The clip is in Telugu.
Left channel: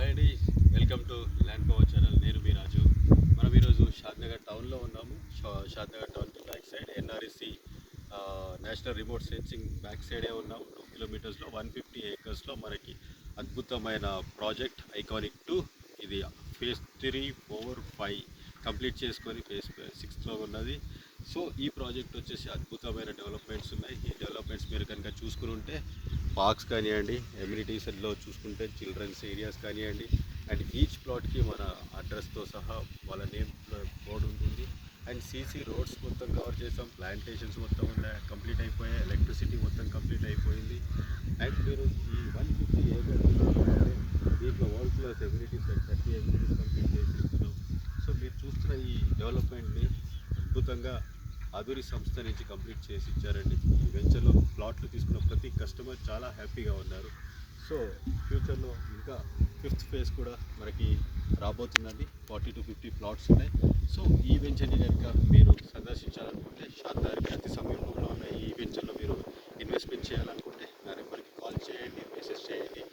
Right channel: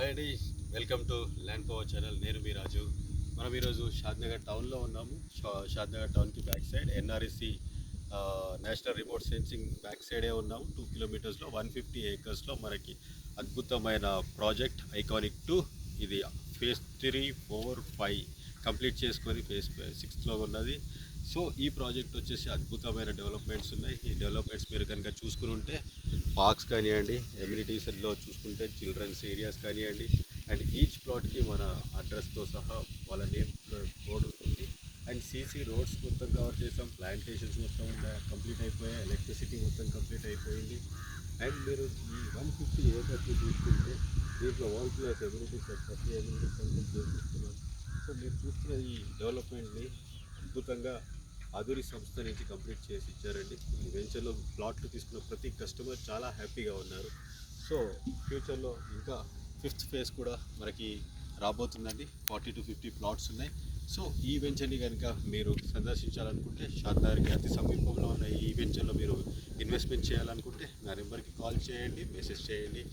హాయ్ అండి, welcome to land power channel. నేను మీ రాజు. మనం ఈరోజు షాద్నగర్ టౌన్లో ఉన్నాము. షాద్నగర్ టౌన్కి back side NRSC national remote sensing back సైడే ఉన్నాము. 2 కిలోమీటర్స్లో 150 ఏకర్స్లో మనకి అద్భుతమైన ప్రాజెక్ట్ ఐకానిక్ 2. ఇది ఫేజ్ 3, 4, 5 కంప్లీట్ చేసుకొని ఫేజ్ 6లో ఉన్నది. సో ఈ ప్రాజెక్ట్ వచ్చేసి అద్భుతమైన డెవలప్మెంట్స్ ఉన్నాయి. ఈ డెవలప్మెంట్స్ మీరు కనుక చూసుకుని ఉంటే పార్క్స్ కానివ్వండి, ఎమ్యూనిటీస్లో చూసుకుంటే చిల్డ్రన్స్ ఏరియాస్ కానివ్వండి, అండ్ ఈచ్ ప్లాట్కి మన అడ్రస్తో సహా వాళ్ళ నేమ్ బోర్డు ఉంటుంది. అండ్ సీసీ రోడ్స్ మొత్తం కవర్ చేసాం. ప్లాంటేషన్స్ మొత్తం కంప్లీట్ అయిపోయాయి. ఎలక్ట్రిసిటీ మొత్తం కంప్లీట్ అయిపోయింది. అండ్ మీరు ఈ 150 ఏకర్స్ తీసుకుంటే దీంట్లో world class amenities 30 amenities complete చేస్తున్నాం. సో మీరు చూస్తున్న ఈ డెవలప్మెంట్ని అద్భుతంగా అధురి సంస్థ నుంచి కంప్లీట్ చేసి ఇచ్చారండి. ఈ వెంచర్లో ప్లాట్లు తీసుకున్న ప్రతి కస్టమర్ చాలా హ్యాపీగా ఉన్నారు. సో ఫ్యూచర్లో ఇంకా 5th ఫేజ్ కూడా మనకి రాబోతుందండి. 40 to 50 ప్లాట్స్ ఉన్నాయి. సో ఈ వెంచర్ని కనుక మీరు సందర్శించాలనుకుంటే షాద్నగర్కి అతి సమీపంలో ఉన్న ఈ వెంచర్లో మీరు ఇన్వెస్ట్మెంట్ చేయాలనుకుంటే నా నెంబర్కి కాల్ చేయండి, మెసేజ్ చేయండి.